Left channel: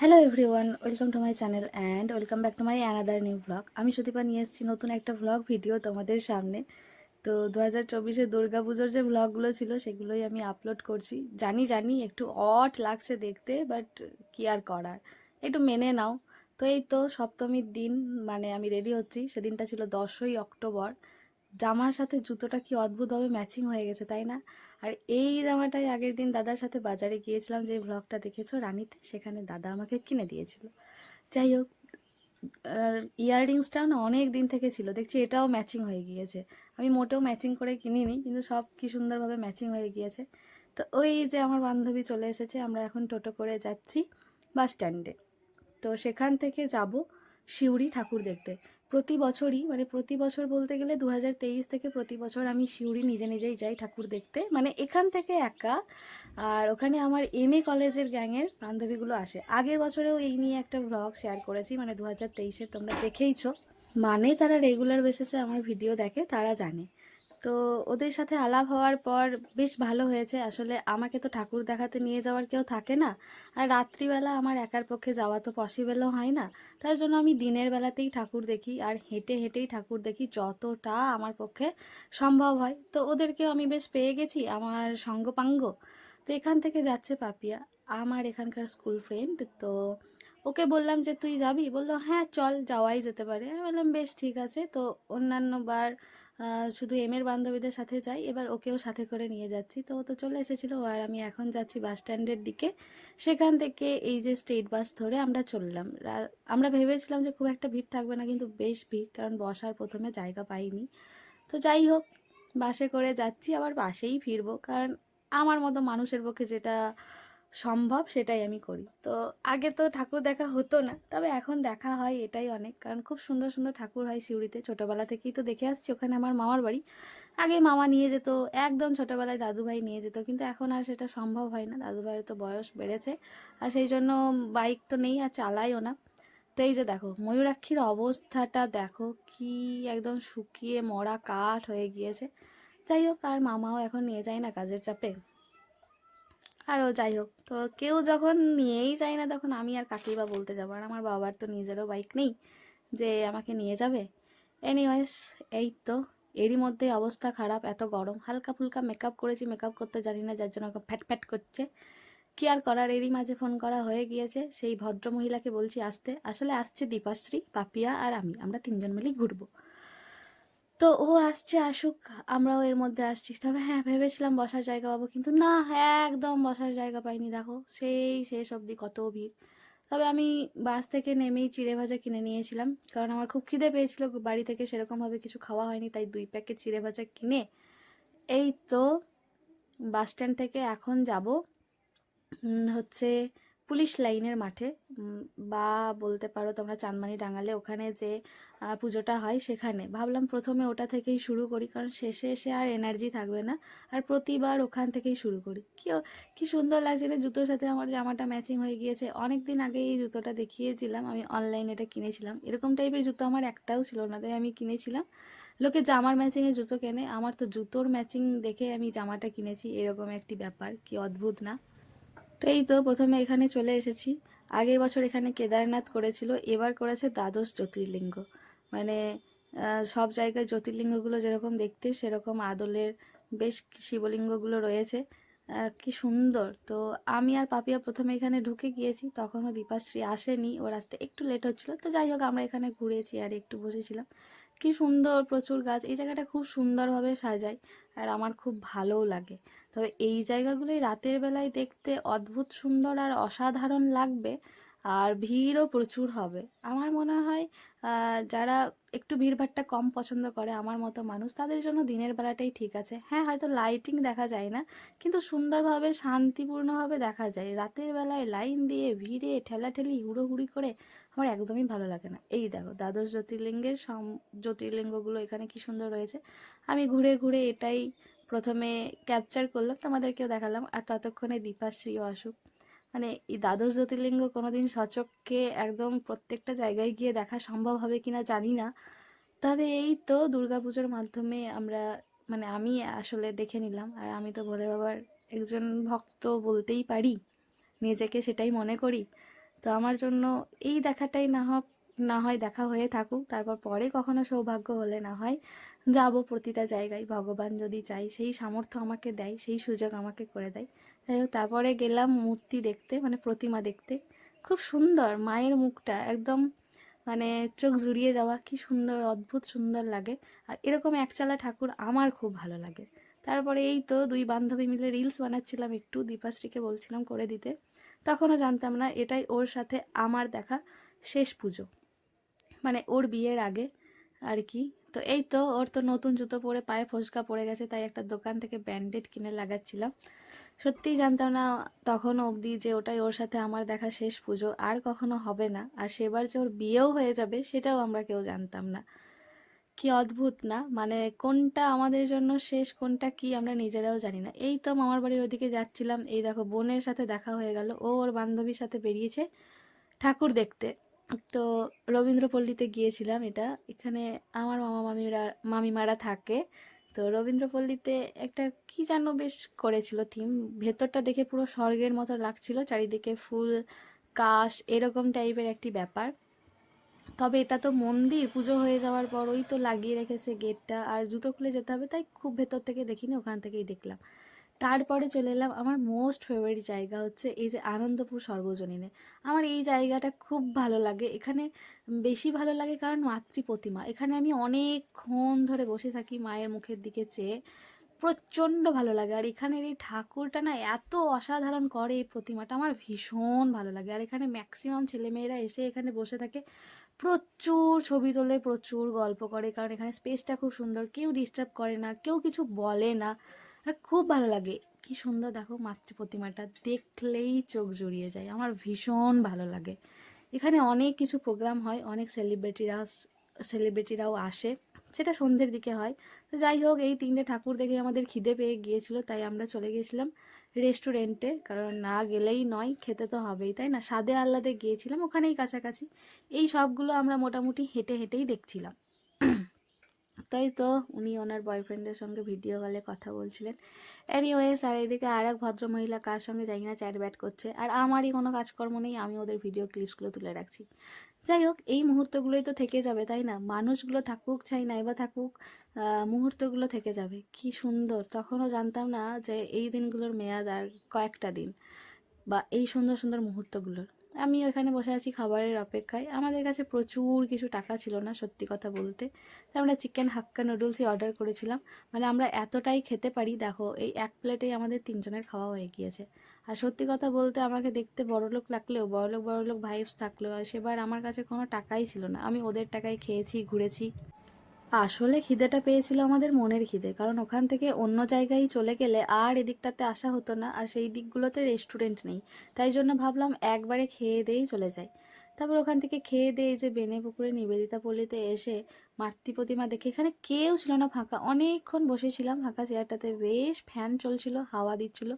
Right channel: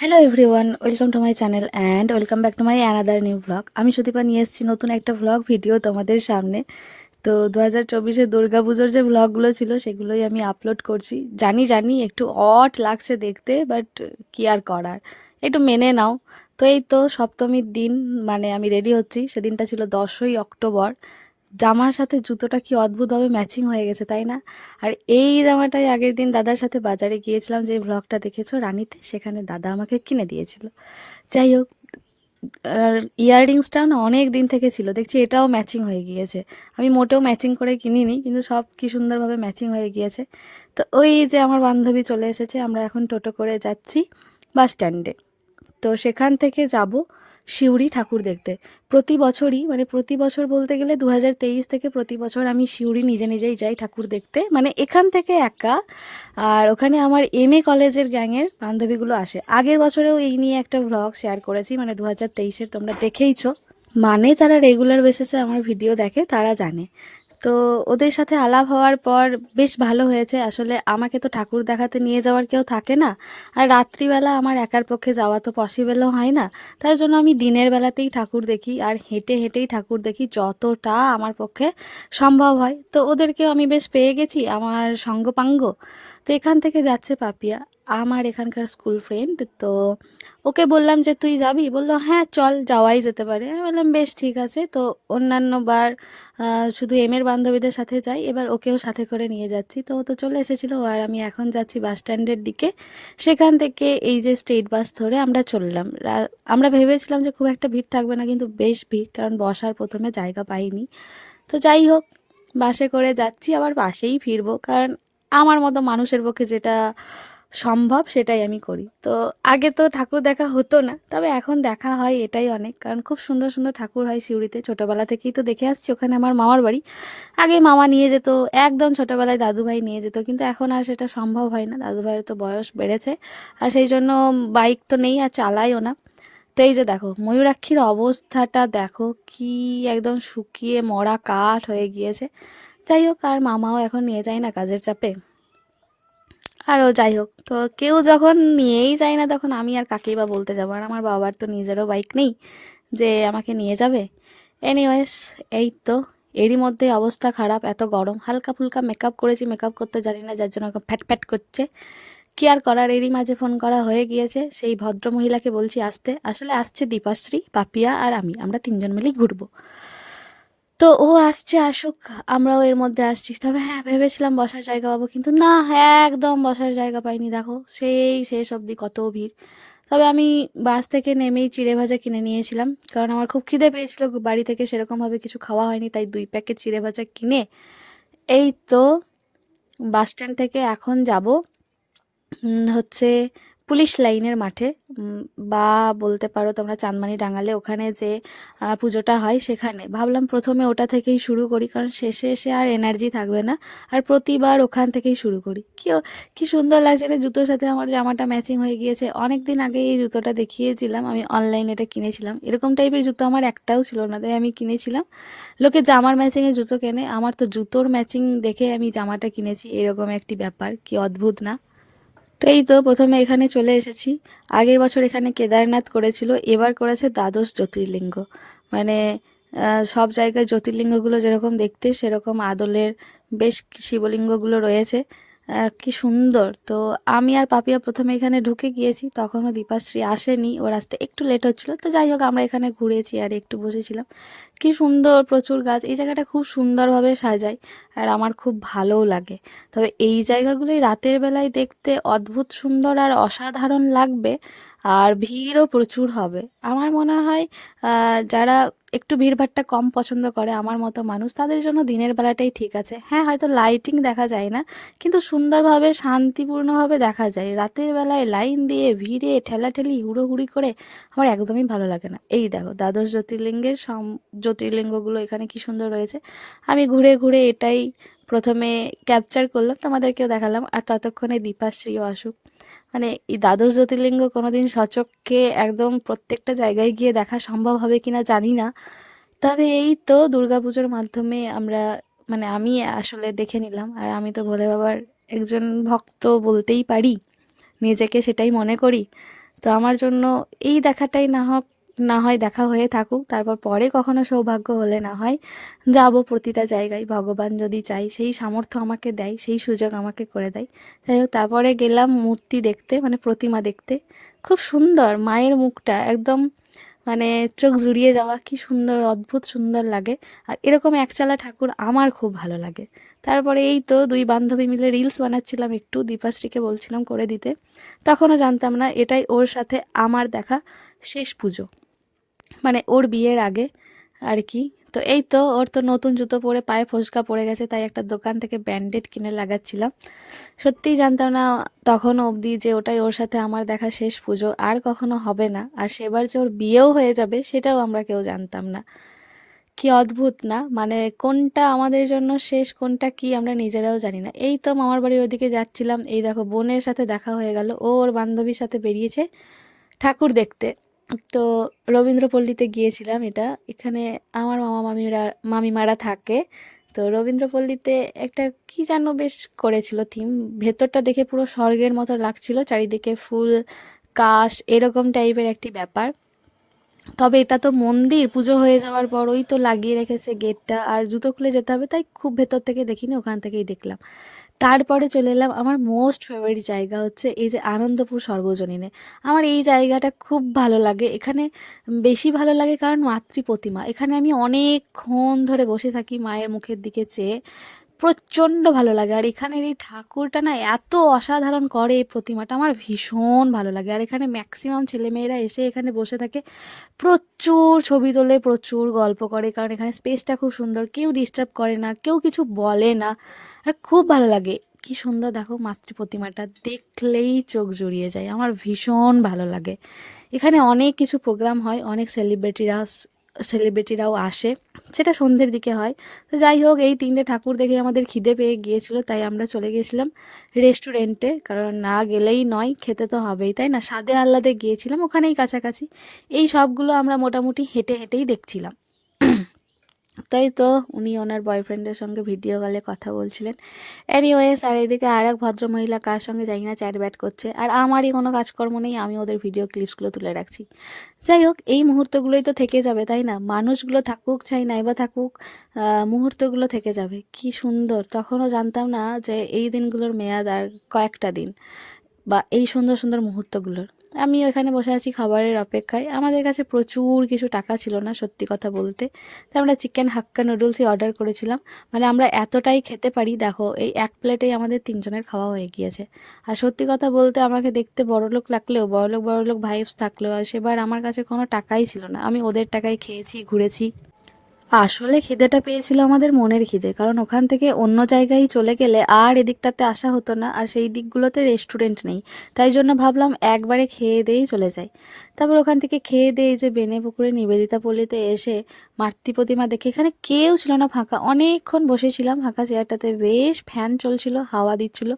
Hello everyone, welcome to my channel and welcome back to my another new vlog. আমি সুদীপা নিয়ে এসেছি নতুন একটা ভ্লগ ভিডিও তোমাদের সামনে। তো 2024-এ দুর্গাপুজোর যে ভ্লগগুলো ছিল সেগুলোই আমি আপলোড করছি। জানি জানি একটু অড লাগছে দেখতে, বাট কি আর করার, একটু মেনে নাও। তো এই তো সপ্তমীর দিন, মানে আমি রেডি হচ্ছি। সেদিনটা ছিল 10ই অক্টোবর। জামার সাথে জুতোটা কি অদ্ভুতভাবে ম্যাচিং হয়ে গেছে, তাই না? আর এই জামাটাই আগের দিন দাদার সাথে বাজারে গিয়েছিলাম, যে ব্লগটা দেখেছো রানীতে, সেখানে দাদা আমাকে কিনে দিয়েছিল। যাই হোক, আর ইয়াররিংসটাও না অনেক দিন থেকে ছিল, দেখছি এটাও ম্যাচিং হয়ে গিয়েছে। আমি মোটেও ম্যাচিং করে কিনিনি, কিন্তু সব কি সুন্দরভাবে ম্যাচিং হয়ে গিয়েছে। তো ওই যে আমার বান্ধবী চলে এসেছে, আমরা এখন টোটো করে যাচ্ছি বাস স্ট্যান্ডে। তো সেখান থেকে যাব সিউড়ি ঠাকুর দেখতে। প্রতি বছরই, মানে প্রতি বছর বলতে গেলে 2023 থেকে প্রতি বছর আমি সিউড়ি নিজে নিজেই যাই ঠাকুর দেখতে, মানে এখান থেকে একা। আর ওখানে আমার এমএ কলেজের গ্যাংয়ের বান্ধবীগুলো আসে। আগের বছরেও এই নিয়ে একটা ভ্লগ শেয়ার করেছি, মানে 2023-এর, তোমরা দেখেইছো। মানে যারা রেগুলার বেসিসে আমার ভিডিও দেখে তারা জানে। তো ওদের সাথে আলাপ হওয়ার পর বেশ ভালো হয়েছে। আসলে আমাকে তো ঠাকুর দেখাতে নিয়ে যাওয়ার কেউ থাকে না, আর রাত্রিবেলা আমার একার পক্ষে যাওয়া তো পসিবলও হয় না। তার জন্য আমি দিনের বেলাতেই ঠাকুর দেখি, আর হেঁটে হেঁটেই ঠাকুর দেখি যতটা আমার পক্ষে সম্ভব হয়। তো ওদেরকেও আমি বেশ পেয়ে গেছি, আমার সঙ্গপাঙ্গ। তো এখান থেকে যাচ্ছে পাপিয়া, আমার এখানকার স্কুল ফ্রেন্ড। তো ওকে বললাম যে তুই যাবি, বললো হ্যাঁ চল, যাওয়াই যেতে পারে। আমি বললাম বেশ ঠিক আছে। তো অন্যান্য বার শুধু এমের বান্ধবীদের সাথে যাই, এবার ওকেও সাথে করে নিয়ে যাচ্ছি। তো ও তো চলে এসেছিলো, আর আমি এখন যাচ্ছি বাস স্ট্যান্ডের দিকে। সেখান থেকে এই যে স্টেট বাস ধরে আমরা চললাম। আমরা ভেবেছিলাম যে খুব একটা ভিড় থাকবে না, কিন্তু বেশ ভিড়, কারণ বসার প্রথমে জায়গা পাইনি। তো যাই হোক, বাসে করে যাচ্ছি, আবার বাসেই ফিরবো, কারণ আমার মতো মানুষের পক্ষে যেটা সম্ভব সেটাই আমি করি। তো আগে তো ঠাকুর দেখা হতো না, তবে এখন দেখা হয়, এটাই অনেক। কারণ খুব সুন্দর সুন্দর ঠাকুর হয় সিউড়িতে, ছোটোবেলা থেকেই তো দেখে আসছি। ওখানে আমার মামার বাড়ি, আগে মামা নিয়ে যেত, একদম ছোটোবেলায় দাদুভাই নিয়ে যেত, কিন্তু এখন আর সেটা সম্ভব হয় না। দাদুভাইয়ের তো বয়স বেড়েছে, আর সেই জন্য বাইক তো নেই, আর চালাইও না। তো এই যে দেখো ময়ূরাক্ষীর অবস্থাটা দেখো, কি একদম শুকিয়ে মরা কাঠ হয়ে গিয়েছে। যাই হোক, আর মামাও এখন নিয়ে যায় না কাজের চাপে। আরও যাই হোক, তো কেউ যখন নিয়েই যায় না, তখন আমি আর কাকেই বা বলতে যাবো। আর আমার বাবার তো নিজেরও বাইক নেই যে আমাকে নিয়ে যাবে। এনিওয়েজ, এই তো, এরই মধ্যে অবস্থা খারাপ, এত গরম। হালকা ফুলকা মেকআপ করেছি, মেকআপ করতে জানি না, যার জন্য ওকে ফ্যাট ফ্যাট করছে। কি আর করার, এরই মাঝে ফোন করা হয়ে গিয়েছে সেই ভদ্র মহিলাকে, বলছি আসতে। আসলে আসছে দীপাশ্রী, পাপিয়া আর আমি, আমরা তিনজন মিলেই ঘুরবো। তো ও আসছে, আসুক, আমরাও এর মধ্যে আসছি। তবে হ্যাঁ, ভেবেছিলাম বসার জায়গা পাবো, কিন্তু না, একদম বসার জায়গা পাইনি। দেখো সেই শেষ অবধি কত ভিড়। তবে আমি বাস থেকে নেমেই চিড়ে ভাজা কিনে নিয়েছিলাম, কারণ আমার খুব খিদে পেয়েছিল। বাড়ি থেকে সেরকমভাবে কিছু খাওয়া হয়নি, তাই 2 প্যাকেট চিড়ে ভাজা কিনে এই তো বাস স্ট্যান্ড থেকে এখন যাব হচ্ছে পুলিশ লাইনের মাঠে। উম, বা বলতে পারো তোমরা চাঁদমানি ডাঙালে, ওখানে যে পুজোটা হয় সেখানে। ভাবলাম প্রথমে ওটা থেকেই শুরু করি, কারণ শেষে এসে আর এনার্জি থাকবে না। আর প্রতিবার ওখান থেকেই শুরু করি। কি সুন্দর লাগছে না, জুতোর সাথে আমার জামাটা ম্যাচিং হয়ে গিয়েছে। অনেক দিন আগে এই জুতোটা দেখিয়েছিলাম, আমি অনলাইনে এটা কিনেছিলাম। এরকম টাইপের জুতো আমার একটাও ছিল না, তাই আমি কিনেছিলাম। লোকে জামার ম্যাচিংয়ে জুতো কেনে, আমার তো জুতোর ম্যাচিং দেখে আমি জামাটা কিনেছি, এরকম একটি ব্যাপার, কি অদ্ভুত না? তো এই তো প্রথমে এখানে চলে এসেছি। আগের বছর এখানে কেদারনাথ করেছিল, এবার করেছে দ্বাদশ জ্যোতির্লিঙ্গ। মানে সব জায়গায় জ্যোতির্লিঙ্গগুলো যেরকম দেখতে, সেরকম আদলের বেশ শিবলিঙ্গগুলো রয়েছে। কি সুন্দর। তো আমি আর পাপিয়া প্রথমে এখানে ঢুকে গিয়েছি, তখনও দীপাশ্রী আসেনি, ওর আসতে একটু লেট হচ্ছিল। তো যাই হোক, আমরা এখানে ঘুরেছি আর একটু বসেছিলাম। কি সুন্দর, প্রচুর গাছ, এই জায়গাটা খুব সুন্দরভাবে সাজায়, আর আমার খুব ভালোও লাগে। তবে এই জায়গাগুলোই রাতের বেলায় দেখতে অদ্ভুত সুন্দর আর অসাধারণ লাগবে, আর ভিড়ও প্রচুর হবে। আমার মনে হয় যারা একটু ভিড়ভাট্টা কম পছন্দ করে, আমার মতো মানুষ, তাদের জন্য দিনের বেলাটাই ঠিক আছে। হ্যাঁ, হয়তো লাইটিং দেখা যায় না, কিন্তু সুন্দরভাবে শান্তিপূর্ণভাবে দেখা যায়। রাতের বেলায় লাইন দিয়ে ভিড়ে ঠেলাঠেলি হুড়োহুড়ি করে আমার একদমই ভালো লাগে না। এই দেখো দ্বাদশ জ্যোতির্লিঙ্গের জ্যোতির্লিঙ্গগুলো এখানে কি সুন্দর রয়েছে। আমি ঘুরে ঘুরে এটাই প্রথমে ক্যাপচার করলাম, তোমাদেরকেও দেখালাম, আর ততক্ষণে দীপাশ্রীও আসুক। মানে এই দ্বাদশ জ্যোতির্লিঙ্গ কোনোদিন সচক্ষে একদম প্রত্যেকটা জায়গায় গিয়ে দেখা সম্ভব হবে কিনা জানি না। তবে এই তো দুর্গাপুজোর মাধ্যমে আমরা, মানে আমি আসলে দেখে নিলাম। আর আমি তো ভোলে বাবার একজন ভক্ত বলতেই পারি, নিজেকে সেটাই মনে করি। তো আমার জন্য এই দেখাটাই না হয় দেখা হয়ে থাকুক, তারপর পরে কখনো সৌভাগ্য হলে না হয় যাব প্রতিটা জায়গায়, ভগবান যদি চাই, সেই সামর্থ্য আমাকে দেয়, সেই সুযোগ আমাকে করে দেয়। যাই হোক, তারপরে গেলাম মূর্তি দেখতে, মানে প্রতিমা দেখতে। খুব সুন্দর মায়ের মুখটা, একদম মানে চোখ জুড়িয়ে যাওয়া, কি সুন্দর, অদ্ভুত সুন্দর লাগে। আর এরকম একচালা ঠাকুর আমার খুব ভালো লাগে। তারপরে এই তো দুই বান্ধবী মিলে রিলস বানাচ্ছিলাম, একটু দীপাশ্রীকে বলছিলাম করে দিতে। তখনও জানতাম না এটাই ওর সাথে আমার দেখা শেষ পুজো, মানে ওর বিয়ের আগে আর কি। তো এই তো ওর তো নতুন জুতো পরে পায়ে ফোসকা পড়ে গেছে, তাই একটা দোকান থেকে ব্যান্ডেড কিনে লাগাচ্ছিলাম। সত্যিই জানতাম না তখন অবধি যে ওটাই ওর সাথে আমার দেখা শেষ পুজো, আর কখনো হবে না। আর সেবার যে ওর বিয়েও হয়ে যাবে সেটাও আমরা কেউ জানতাম না। কি অদ্ভুত না, মানে কোনটা আমাদের জন্য শেষ, কোনটা কি আমরা নিজেরাও জানি না। এই তো মামার বাড়ির ওদিকে যাচ্ছিলাম, এই দেখো বোনের সাথে দেখা হয়ে গেল, ও ওর বান্ধবীর সাথে বেরিয়েছে ঠাকুর দেখতে। তো রবীন্দ্রপল্লীতে গিয়েছিলাম, এটা এখানে আমার মামিমারা থাকে। তো রবীন্দ্রপল্লীতে একটা কি যেন বেশ করেছিল থিম, ভেতরটা দেখে পুরো স্বর্গের মতো লাগছিল, চারিদিকে ফুল, কাশ, এরকম টাইপের একটি ব্যাপার। তবে এটা তো মন্দির, পুজো হয়ে যাওয়ার পর ওই তো লাগিয়ে রেখেছে গেটটা, আর জুতো খুলে যেতে হবে, তাই খুব ভেতর থেকে দেখিনি, ওখান থেকেই দেখলাম। তারপরে চলে এলাম আমার মোস্ট ফেভারিট জায়গা, হচ্ছে এই যে আনন্দপুর সর্বজনীনে। আমার এই জায়গাটা খুব ভালো লাগে, এখানে বেশি ভালো লাগে কারণ মাতৃ প্রতিমা, এখানে আমি অনেকক্ষণ ধরে বসে থাকি মায়ের মুখের দিকে চেয়ে, প্রচণ্ড ভালো লাগে। আর এখানের এই ঠাকুরটা না এত অসাধারণ করে, এই প্রতিমাটা আমার ভীষণ ভালো লাগে। আর এখানে ম্যাক্সিমাম ছেলেমেয়েরা এসে এখানে বসে থাকে, প্রচুর ছবি তোলে, প্রচুর গল্প করে, কারণ এখানে স্পেসটা খুব সুন্দর, কেউ ডিস্টার্ব করে না, কেউ কিছু বলে না। আর খুব ভালো লাগে। কি সুন্দর দেখো মাতৃ প্রতিমাটা, দেখলেই চোখ জুড়িয়ে যায়, আমার ভীষণ ভালো লাগে। এখানে অনেক কিছু প্রোগ্রাম হয়, অনেক সেলিব্রিটিরাও আসে, সেটা সন্ধ্যের দিকে হয়। তো যাই হোক, এই তিনটে ঠাকুর দেখে আমাদের খিদে পেয়ে গিয়েছিল, তাই আমরা চলে গেছিলাম রেস্টুরেন্টে, কারণ না গেলেই নয়, খেতে তো হবেই, তাই না। স্বাদে আহ্লাদে গিয়েছিলাম, ওখানেই কাছাকাছি। এই সবগুলো আমরা মোটামুটি হেঁটে হেঁটেই দেখছিলাম। তাই তো উনি ওনার বয়ফ্রেন্ডের সঙ্গে ভিডিও কলে কথা বলছিলেন। এনিওয়েজ, আর এদিকে আর এক ভদ্রমহিলা কার সঙ্গে জানি না চ্যাট ব্যাট করছে, আর আমারই কোনো কাজকর্ম নেই, আমি ওদের ভিডিও ক্লিপসগুলো তুলে রাখছি। যাই হোক, এই মুহূর্তগুলোই তো থেকে যাবে, তাই না। মানুষগুলো থাকুক চাই নাই বা থাকুক, মুহূর্তগুলো থেকে যাবে। কি সুন্দর, তখনও জানতাম না যে এই দিনগুলোর মেয়াদ আর কয়েকটা দিন, বা এই সুন্দর সুন্দর মুহূর্তগুলোর। আমি ওখানে বসে আছি খাবারের অপেক্ষায়, আমাদের কাছে প্রচুর কিছু টাকা ছিল না সত্যি কথা বলতে, তাই আমরা চিকেন হাক্কা নুডলসই অর্ডার করেছিলাম। মানে আমরা এতটাই খেতে পারি, দেখো এই এক প্লেটেই আমাদের তিনজনের খাওয়া হয়ে গিয়েছে। আর সত্যি কথা বলতে আমাকে দেখতে বড়লোক লাগলেও, বড়লোক বড়লোক ভাইবস থাকলেও, আর সেবার আমার কাছে কোনো টাকাই ছিল না, আমি ওদের টাকায় খেয়েছি, ঘুরেছি। আসলে খিদেটা পেয়েছিল আমাদের মনের খিদে, কারণ ওখান থেকে অন্য জায়গায় চলে গেলে আর এদিকটাতে আসা হতো না, আর সেই দিকগুলোতে রেস্টুরেন্ট নেই। তাই জন্য ভাবলাম একবারে খেয়ে দিয়েই চলে যাই। তারপর ওখান থেকে খেয়ে দিয়ে এই যে বেনে পুকুরে নিবেদিতা পল্লীতে এসে মাতৃ প্রতিমা দেখে, এখানে কেউ ছিল না, ফাঁকা, অনেকক্ষণ বসেছিলাম ফাঁকা চেয়ারটাতে, বেশ ফ্যান চলছিল, হাওয়া দিচ্ছিল।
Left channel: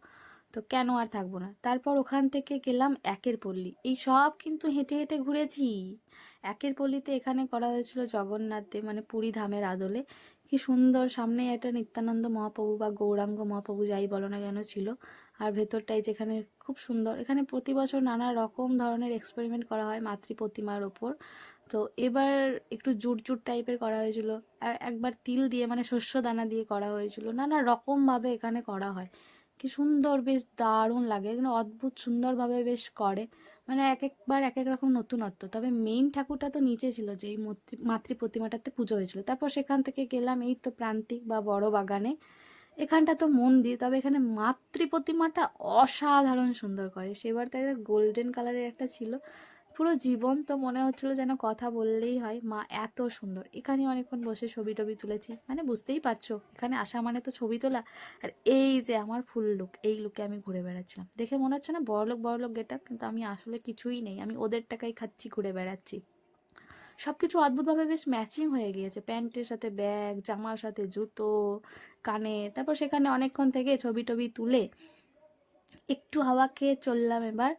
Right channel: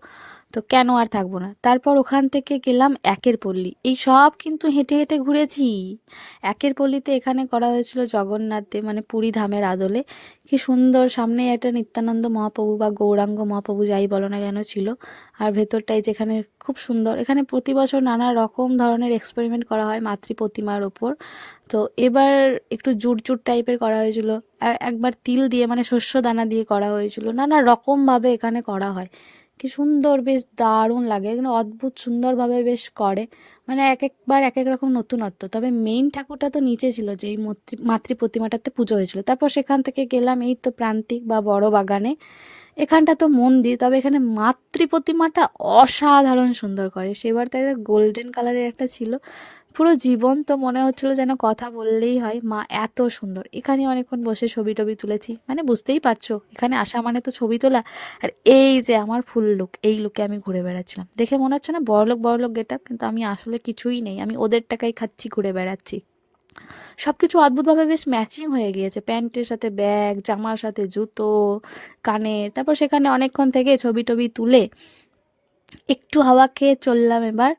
তো কেন আর থাকবো না। তারপর ওখান থেকে গেলাম একের পল্লী, এই সব কিন্তু হেঁটে হেঁটে ঘুরেছি। একের পল্লীতে এখানে করা হয়েছিল জগন্নাথ দেব, মানে পুরী ধামের আদলে। কি সুন্দর, সামনে একটা নিত্যানন্দ মহাপ্রভু বা গৌরাঙ্গ মহাপ্রভু যাই বলো না কেন ছিল। আর ভেতরটাই যেখানে খুব সুন্দর, এখানে প্রতি বছর নানা রকম ধরনের এক্সপেরিমেন্ট করা হয় মাতৃ প্রতিমার ওপর। তো এবার একটু জুট জুট টাইপের করা হয়েছিল, একবার তিল দিয়ে মানে শস্য দানা দিয়ে করা হয়েছিল, নানা রকমভাবে এখানে করা হয়। কি সুন্দর, বেশ দারুণ লাগে, এখানে অদ্ভুত সুন্দরভাবে বেশ করে। মানে এক একবার এক এক রকম নতুনত্ব। তবে মেইন ঠাকুরটা তো নিচে ছিল, যেই মাতৃ প্রতিমাটাতে পুজো হয়েছিল। তারপর সেখান থেকে গেলাম এই তো প্রান্তিক বা বড় বাগানে, এখানটা তো মন্দির, তবে এখানে মাতৃ প্রতিমাটা অসাধারণ সুন্দর করে। সেবার তাই গোল্ডেন কালারের একটা ছিল, পুরো জীবন্ত মনে হচ্ছিল, যেন কথা বললেই হয়, মা এত সুন্দর। এখানে অনেকক্ষণ বসে ছবি টবি তুলেছি, মানে বুঝতেই পারছো এখানে আসা মানে তো ছবি তোলা। আর এই যে আমার ফুল লুক, এই লুকে আমি ঘুরে বেড়াচ্ছিলাম, দেখে মনে হচ্ছে না বড়লোক বড়লোক গেট আপ, কিন্তু আমি আসলে কিছুই নেই, আমি ওদের টাকায় খাচ্ছি, ঘুরে বেড়াচ্ছি। সবকিছু অদ্ভুতভাবে বেশ ম্যাচিং হয়ে গিয়েছে, প্যান্টের সাথে ব্যাগ, জামার সাথে জুতো, কানের। তারপর সেখানে অনেকক্ষণ থেকে ছবি টবি তুলে একটু হাওয়া খেয়ে চললাম এবার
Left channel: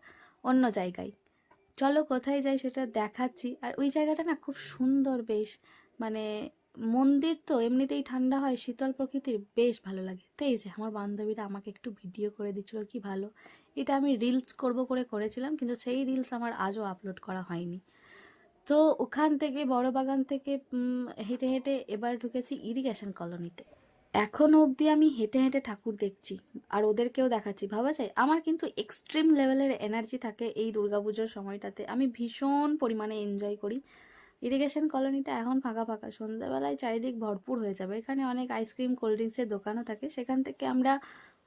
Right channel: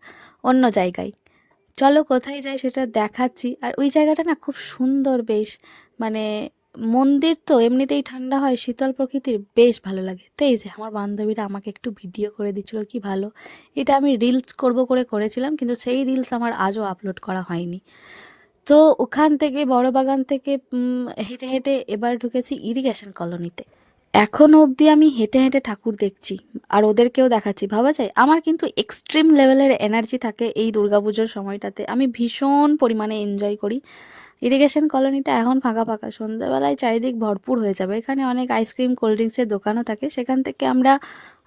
অন্য জায়গায়। চলো কোথায় যাই সেটা দেখাচ্ছি। আর ওই জায়গাটা না খুব সুন্দর বেশ, মানে মন্দির তো এমনিতেই ঠান্ডা হয়, শীতল প্রকৃতির বেশ ভালো লাগে। তো এই যে আমার বান্ধবীরা আমাকে একটু ভিডিও করে দিচ্ছিল, কি ভালো। এটা আমি রিলস করব করে করেছিলাম, কিন্তু সেই রিলস আমার আজও আপলোড করা হয়নি। তো ওখান থেকে বড় বাগান থেকে হেঁটে হেঁটে এবার ঢুকেছি ইরিগেশন কলোনিতে। এখনও অবধি আমি হেঁটে হেঁটে ঠাকুর দেখছি আর ওদেরকেও দেখাচ্ছি। ভাবা যায় আমার কিন্তু এক্সট্রিম লেভেলের এনার্জি থাকে এই দুর্গাপুজোর সময়টাতে। আমি ভীষণ পরিমাণে এনজয় করি। ইরিগেশন কলোনিটা এখন ফাঁকা ফাঁকা, সন্ধ্যাবেলায় চারিদিক ভরপুর হয়ে যাবে। এখানে অনেক আইসক্রিম কোল্ড ড্রিঙ্কসের দোকানও থাকে, সেখান থেকে আমরা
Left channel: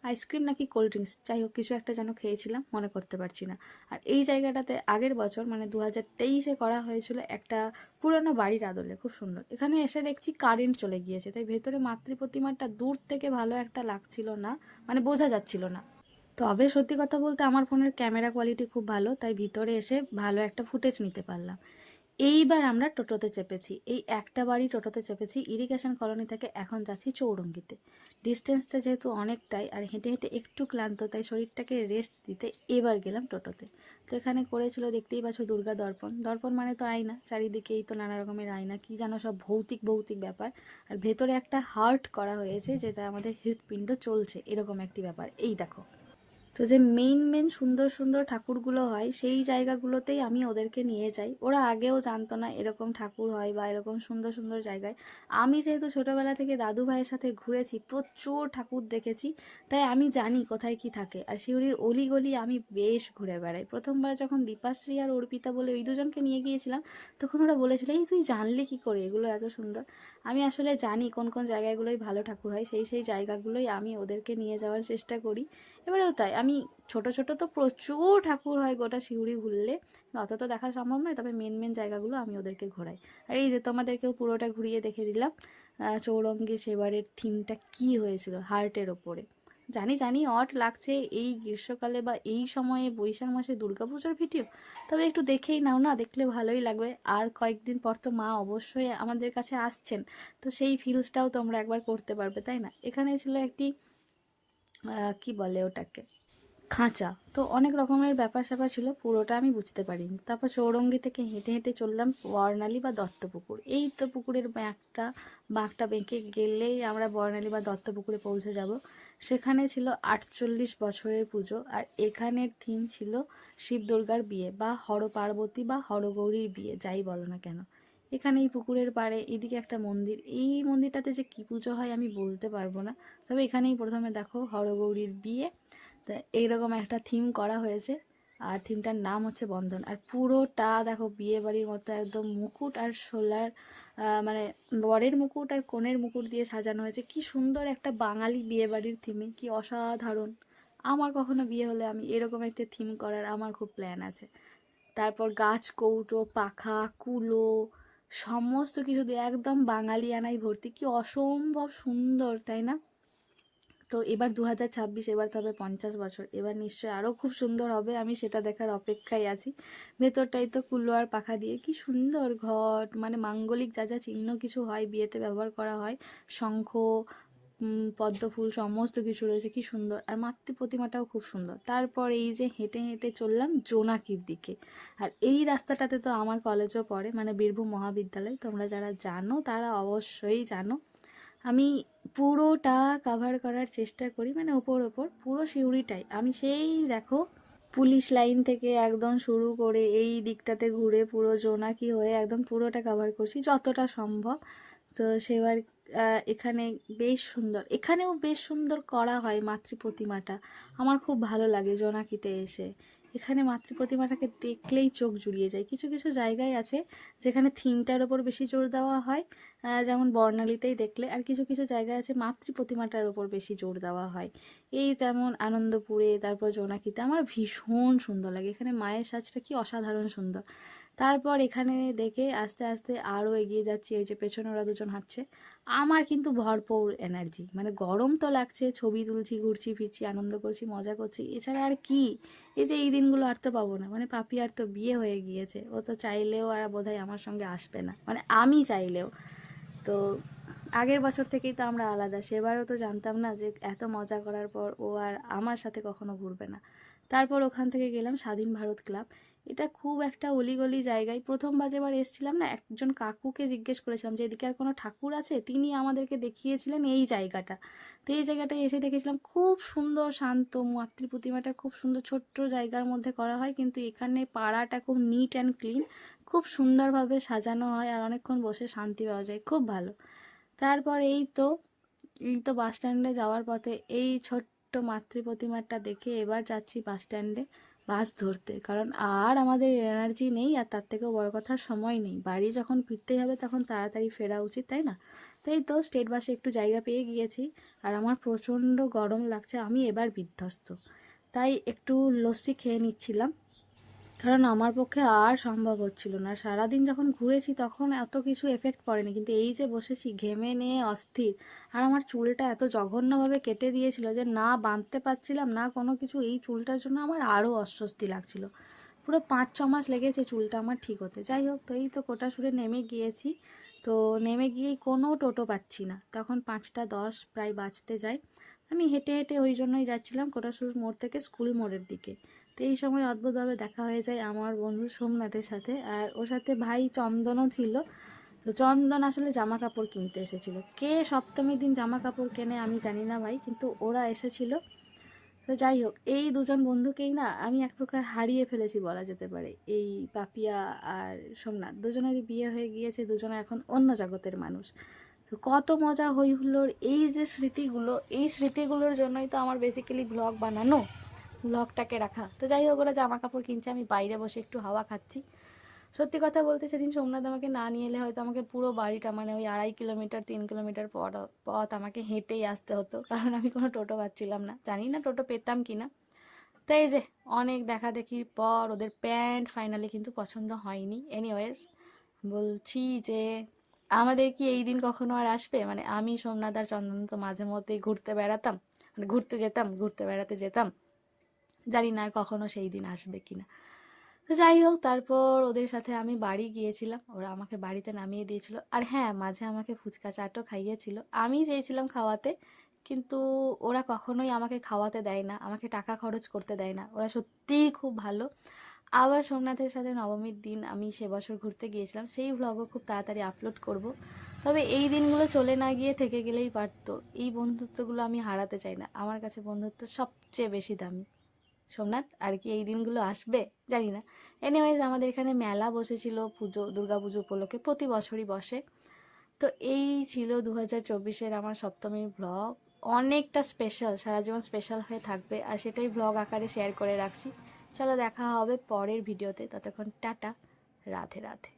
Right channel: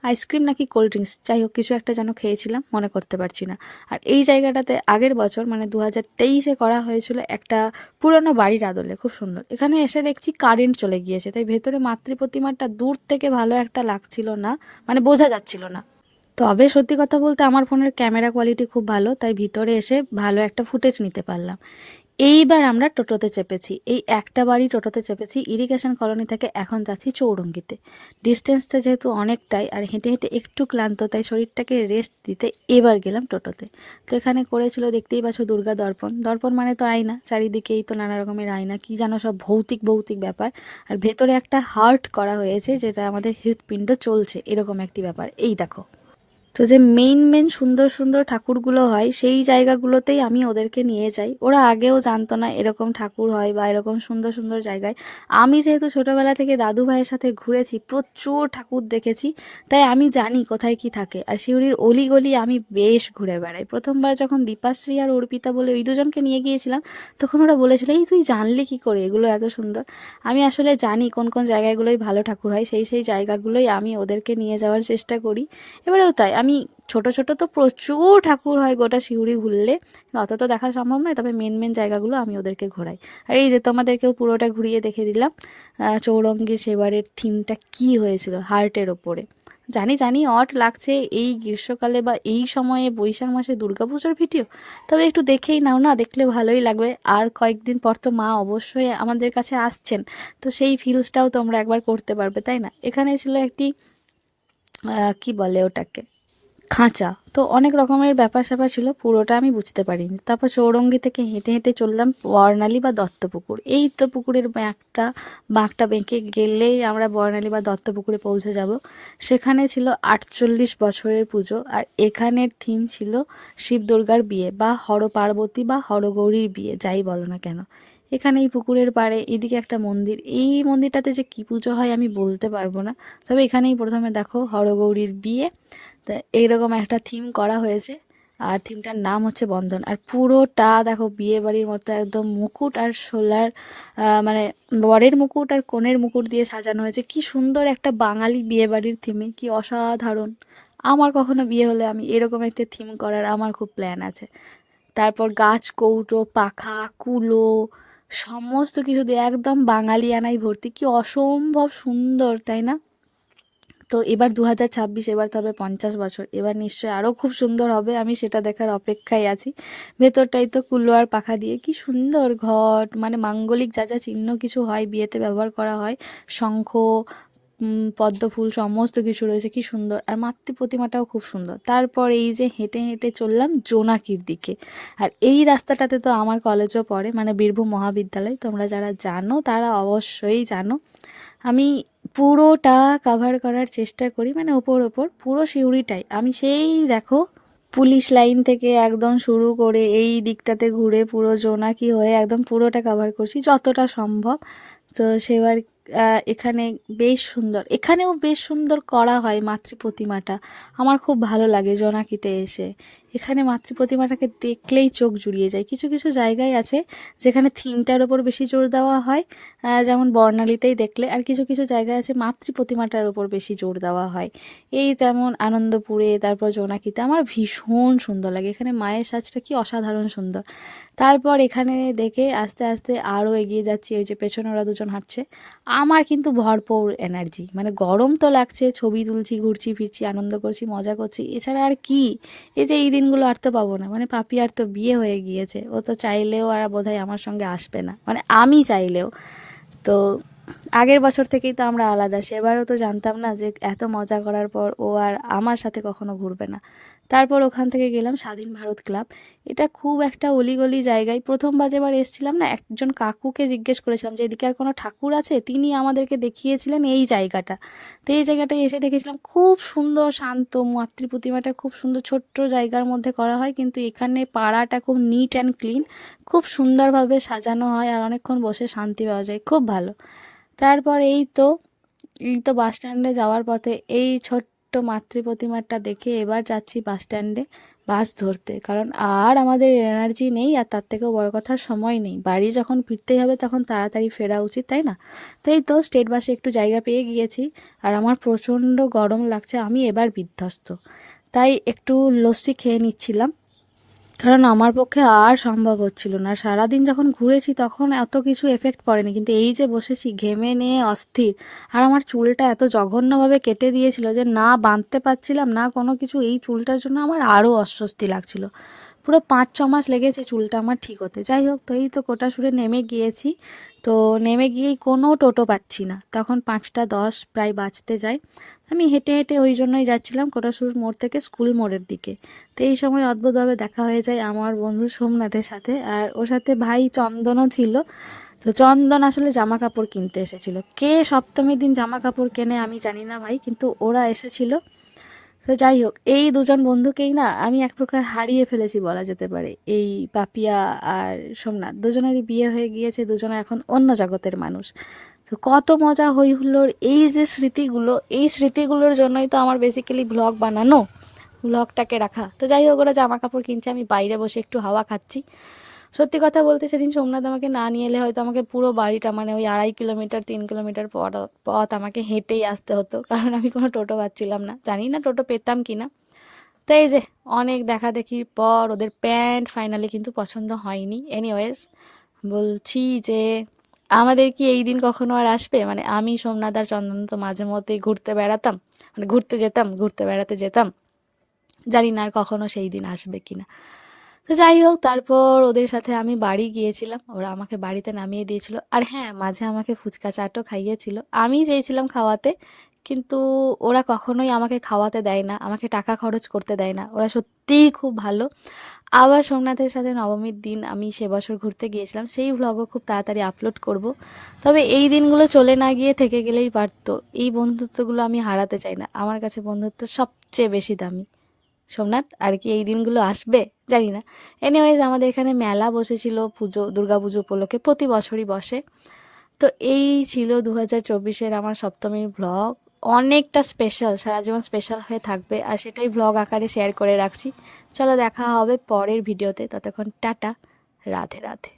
আইসক্রিম নাকি কোল্ড ড্রিঙ্কস যাই হোক কিছু একটা যেন খেয়েছিলাম, মনে করতে পারছি না। আর এই জায়গাটাতে আগের বছর মানে 2023-এ করা হয়েছিল একটা পুরনো বাড়ির আদলে, খুব সুন্দর। এখানে এসে দেখছি কারেন্ট চলে গিয়েছে, তাই ভেতরে মাতৃ প্রতিমাটা দূর থেকে ভালো একটা লাগছিল না, মানে বোঝা যাচ্ছিল না। তবে সত্যি কথা বলতে আমার ফোনের ক্যামেরা কোয়ালিটি খুব ভালো, তাই ভিতরে এসে ভালো একটা ফুটেজ নিতে পারলাম। এইবার আমরা টোটোতে চেপেছি, এই একটা বাড়ি টোটোতে চেপেছি ইরিগেশন কলোনি থেকে। এখন যাচ্ছি চৌরঙ্গিতে। ডিস্টেন্সটা যেহেতু অনেকটাই আর হেঁটে হেঁটে একটু ক্লান্ত, তাই শরীরটাকে রেস্ট দিতে এবার গেলাম টোটোতে। তো এখানে করেছিল দেখতেই পাচ্ছ দুর্গা দর্পণ। দর্পণ মানে তো আয়না, চারিদিকেই তো নানা রকমের আয়না, কি জানো সব ভৌতিক ভৌতিক ব্যাপার। আর ভেতরে একটা হার্ট করা হয়েছে, যেটা আমাদের হৃৎপিণ্ড চলছে এরকম একটি ব্যাপার। এই দেখো। তো যে মেইন মেইন সুন্দর সুন্দর ঠাকুরগুলো হয় সেই জায়গাগুলোতেই আমি ওদেরকে নিয়ে যাই। ওরা আগেও জানতো না এরকম ঠাকুর হয় বা এরকম সুন্দর সুন্দর জায়গায়। আমি যেহেতু ছোটোবেলা থেকে দাদু ভাইয়ের সাথে ঘুরেছি, প্রচুর ঠাকুর দেখেছি, তাই আমি জানি কোথায় কি থাকে। আর সিউড়ির অলিগলি আমি বেশ ঘুরে বেড়াই। প্রথমবার যখন দীপাশ্রী আর অর্পিতা বলে ওই দুজনকে নিয়ে গিয়েছিলাম, তখন ওরা বলেছিল এই তুই জানলি কী করে এগুলো এত সুন্দর। আমি আসলে জানি কোন কোন জায়গাগুলোই ভালো ঠাকুর হয়, সেই সেই জায়গাগুলোই আমি ওদেরকে নিয়ে যাওয়ার চেষ্টা করি। এবারেও তাই, আমি ছোট ছোট তো প্রচুর ঠাকুর হয় গোটা সিউড়ি ঘুরলে, অত তো দেখা সম্ভব নয়, তবে মেন মেন জায়গাগুলো আমি ওদেরকে ঘোরাই। আর এই যে তোমাদেরকেও পুরোটা ঘুরিয়ে দেখে দিলাম চৌরঙ্গীর সেবারের থিমটা কি হয়েছিল হার্টের ওপরে। জানি জানি অট লাগছে এই গ্রীষ্মকালে বা এই সময়ে বৈশাখ মাসে দুর্গাপুজোর ভিডিও, তবে একটু দেখেই নাও না, দেখলে ভালোই লাগবে। আর কয়েকদিন পর তো মা অবশ্যই আমাদের কাছে আসছেন, তো সেই ফিলসটাও তোমরা একবার করতে পারবে, তাই না। এখানে ছিল একটি কি বলে ওটাকে, খাঁচা। তো অনেক রকমের ব্যাপার স্যাপার ছিল, পুরোটা আমি বুঝতে পারিনি। তারপর চৌরঙ্গি থেকে হেঁটে হেঁটে চললাম বর্ণালী বা দত্তপুকুর। এই তো পুকুরের বাঁকটা বেঁকে গেলেই আমরা বর্ণালী বা দত্তপুকুরে পৌঁছে যাব। সেখানে ছিল 48 বছরের পুজো, আর এখানের থিম ছিল শিব দুর্গার বিয়ে বা হর পার্বতী বা হরগৌরীর বিয়ে, যাই বলো না কেন। এখানে এই পুকুরের পাড়ে এদিকে একটা মন্দির, এই মন্দিরটাতে যে কী পুজো হয় আমি বলতে পারবো না, তবে এখানেই প্রথমে দেখো হরগৌরীর বিয়ে। তা এইরকম একটা থিম করা হয়েছে, আর থিমটার নাম হচ্ছে বন্ধন। আর পুরোটা দেখো বিয়ে বাড়ির মতো একদম মুকুট আর শোলার মানে বরের মুকুট আর কনের মুকুট দিয়ে সাজানো হয়েছে। কি সুন্দর একটা বাঙালি বিয়ে বাড়ির থিমে, কি অসাধারণ। আমার কখনো বিয়ে হলে আমি এরকম একটা থিম করার আমার খুব প্ল্যান আছে। তারপর গাছ কৌটো পাখা কুলো সমস্ত কিছু দিয়ে একদম বাঙালিয়ানায় ভর্তি, কি অসম্ভব সুন্দর, তাই না। তো এবার 2026, এবার তবে 50 বছর, এবার নিশ্চয়ই আরও খুব সুন্দর হবে, আমি সেটা দেখার অপেক্ষায় আছি। ভেতরটাই তো কুলো আর পাখা দিয়ে কি সুন্দর ঘট, মানে মাঙ্গলিক যা যা চিহ্ন কিছু হয় বিয়েতে ব্যবহার করা হয়, শঙ্খ পদ্ম ফুল সমস্ত কিছু রয়েছে, কি সুন্দর। আর মাতৃ প্রতিমাটাও খুব সুন্দর। তারপর এই যে হেঁটে হেঁটে চললাম জোনাকির দিকে। আর এই রাস্তাটাতে তো আমার কলেজও পড়ে, মানে বীরভূম মহাবিদ্যালয়, তোমরা যারা জানো তারা অবশ্যই জানো। আমি পুরোটা কাভার করার চেষ্টা করি, মানে ওপর ওপর পুরো সিউড়িটাই আমি সেই দেখো পুলিশ লাইন থেকে একদম শুরু করে এই দিকটাতে ঘুরে পুরো জোনাকি হয়ে একদম পুরোটা কাভার করছি যতটা সম্ভব। তো সেবার এখানে বেশ সুন্দর, এখানেও বেশ সুন্দর করা হয় মাতৃ প্রতিমাটা। আমার খুব ভালো লাগে জোনাকিতে এসে। এখানে মাতৃ প্রতিমাটাকে দেখলেই চোখ জুড়িয়ে যায়। কিছু কিছু জায়গায় আছে যেখানে থিমটার ওপর বেশি জোর দেওয়া হয়, যেমন বর্ণালীতেই দেখলে। আর কিছু কিছু জায়গায় আছে মাতৃ প্রতিমাটার ওপর বেশি জোর দেওয়া হয়, এই যেমন আনন্দপুরে, তারপর জোনাকিতে। আমার ভীষণ সুন্দর লাগে, এখানে মায়ের সাজটা কি অসাধারণ সুন্দর। তারপর এখানে দেখে আস্তে আস্তে আরও এগিয়ে যাচ্ছি, ওই যে পেছনে ওরা দুজন হাঁটছে। আমার কিন্তু ভরপুর এনার্জি, মানে গরম তো লাগছে, ছবি তুলছি ঘুরছি ফিরছি আনন্দ করছি মজা করছি, এছাড়া আর কি। এই যে এই দিনগুলো আর তো পাবো না, মানে পাপি আর তো বিয়ে হয়ে গিয়েছে, ও তো চাইলেও আর বোধহয় আমার সঙ্গে আসবে না, মানে আমি চাইলেও। তো আগের বছর থেকেই তো আমরা আলাদা, সেবারও তো জানতাম না যে এত মজা করার পর ও আর আমার সাথে কখনো ঘুরবে না। তারপর ওখান থেকে গেলাম স্বাধীন ভারত ক্লাব। এটা খুব একটা অলিগলি জায়গায়। প্রথমবার যেবার এসেছিলাম না, একজন কাকুকে জিজ্ঞেস করেছিলাম যে এদিকে আর কোনো ঠাকুর আছে, তিনি আমাদেরকে দেখিয়েছিলেন এই জায়গাটা। তো এই জায়গাটায় এসে দেখেছিলাম খুব সুন্দর শান্ত, মাতৃ প্রতিমাটা খুব সুন্দর ছোট্ট জায়গার মধ্যে করা হয়, কিন্তু এখানে পাড়াটা খুব নিট অ্যান্ড ক্লিন, খুব সুন্দরভাবে সাজানো হয় আর অনেকক্ষণ বসে শান্তি পাওয়া যায়, খুব ভালো। তারপর এই তো বাস স্ট্যান্ডে যাওয়ার পথে এই ছোট্ট মাতৃ প্রতিমাটা দেখে এবার যাচ্ছি বাস স্ট্যান্ডে বাস ধরতে, কারণ আর আমাদের এনার্জি নেই, আর তার থেকেও বড় কথা সময় নেই। বাড়ি যখন ফিরতেই হবে তখন তাড়াতাড়ি ফেরা উচিত, তাই না? তো এই তো স্টেট বাসে একটু জায়গা পেয়ে গিয়েছি, আর আমার প্রচণ্ড গরম লাগছে, আমি এবার বিধ্বস্ত। তাই একটু লস্যি খেয়ে নিচ্ছিলাম, কারণ আমার পক্ষে আর সম্ভব হচ্ছিল না। সারাদিন যখন ঘুরেছি তখন এত কিছু এফেক্ট পড়েনি, কিন্তু এই যে বসেছি ঘেমে নিয়ে অস্থির, আর আমার চুলটা এত জঘন্যভাবে কেটে দিয়েছিল যে না বাঁধতে পারছিলাম না কোনো কিছু। এই চুলটার জন্য আমার আরও অস্বস্তি লাগছিল। পুরো 5-6 মাস লেগেছে চুলটা আমার ঠিক হতে। যাই হোক, তো এই তো কোটাসুরে নেমে গিয়েছি। তো নেমে গিয়েই কোনো টোটো পাচ্ছি না, তখন 5টা 10 প্রায় বাজতে যায়। আমি হেঁটে হেঁটে ওই জন্যই যাচ্ছিলাম কোটাসুর মোড় থেকে স্কুল মোড়ের দিকে। তো এই সময় অদ্ভুতভাবে দেখা হয়ে যায় আমার বন্ধু সোমনাথের সাথে, আর ওর সাথে ভাই চন্দনও ছিল। তো চন্দন আসলে জামা কাপড় কিনতে এসেছিল। কে সপ্তমীর দিন জামা কাপড় কেনে আমি জানি না ভাই, কিন্তু ওরা এসেছিল। তো যাই হোক, এই দুজন বন্ধুকেই না আমি এক প্রকার হারিয়ে ফেলেছি বলা যেতে পারে। এই পাপিয়া আর সোমনাথ দুজনেরই বিয়ে হয়ে গিয়েছে, দুজনে এখন অন্য জগতের মানুষ। তো কত মজা হই হুল্লোড়, এই যে স্মৃতিগুলো, এই স্মৃতিগুলোর জন্যই তো আমার বেসিক্যালি ব্লগ বানানো, ব্লগটাকে রাখা। তো যাই হোক, ওরা জামা কাপড় কিনছে, আমি বাইরে বসে একটু হাওয়া খাচ্ছি। সত্যি কথা বলতে সেদিন সোমনাথ আমাকে না নিয়ে এলে হয়তো আমাকে পুরো বাড়িটা, মানে ওই 2.5 কিলোমিটার 3 কিলোমিটার পথ আমাকে হেঁটেই আসতে হতো, কারণ আমি কোনো টোটো পাচ্ছিলাম না। জানি না টোটো পেতাম কি না। তো এই যে অনেক দেখাদেখির পর ওদের প্যান্ট ফাইনালি কিন্তু পছন্দ হয়নি। এনিওয়েজ, বলছি যে আমাদের কি এই দিন কখনো আর আসবে? মানে আমি সোমনাথ আর চন্দন তো মাঝে মধ্যেই ঘুরতে বেড়াতাম, মানে ঘুরতে যেতাম, ঘুরতে বেড়াতে যেতাম। জানি না আর কখনো সেই দিন আসবে কিনা। তো যাই হোক, তারপর ওদের সাথে আমি বাড়ি গিয়েছিলাম, ওরা আমাকে বাড়িতে নামিয়ে দিয়েছিল। আর হ্যাঁ, মাঝে আমাকে ফুচকা চাটও খাইয়েছিল, আমি চেয়েছিলাম খাওয়াতে, কিন্তু ওরা কখনোই আমাকে খাওয়াতে দেয় না, আমাকে টাকা খরচ করতে দেয় না। ওরা সত্যিই খুব ভালো। আবার সোমনাথের সাথে নবমীর দিন আমি সে বছর ঘুরতে গিয়েছিলাম, সেই ভ্লগও খুব তাড়াতাড়ি আপলোড করব। তবে এই দিনগুলো চলে না গিয়ে থেকে গেলেই পারতো। এই বন্ধুত্বগুলো আমি হারাতে চাই না, আমার কাছে বন্ধুত্ব সবচেয়ে বেশি দামি। সোমনাথ, আর কি এই দিনগুলো আসবে জানি না। এনিওয়েজ, আমাদের এখানে মেলা বসেছিল পুজো, দুর্গাপুজো উপলক্ষে, প্রতি বছরই বসে। তো এই ছিল 2024-এর আমার সপ্তমীর ব্লগ। অনেকটা স্পেশাল, সারা জীবন স্পেশাল হয়ে থাকবে, আর সেটাই ব্লগ আকারে শেয়ার করে রাখছি। চলো দেখা হবে পরের ভিডিওতে, ততক্ষণ টাটা, রাধে রাধে।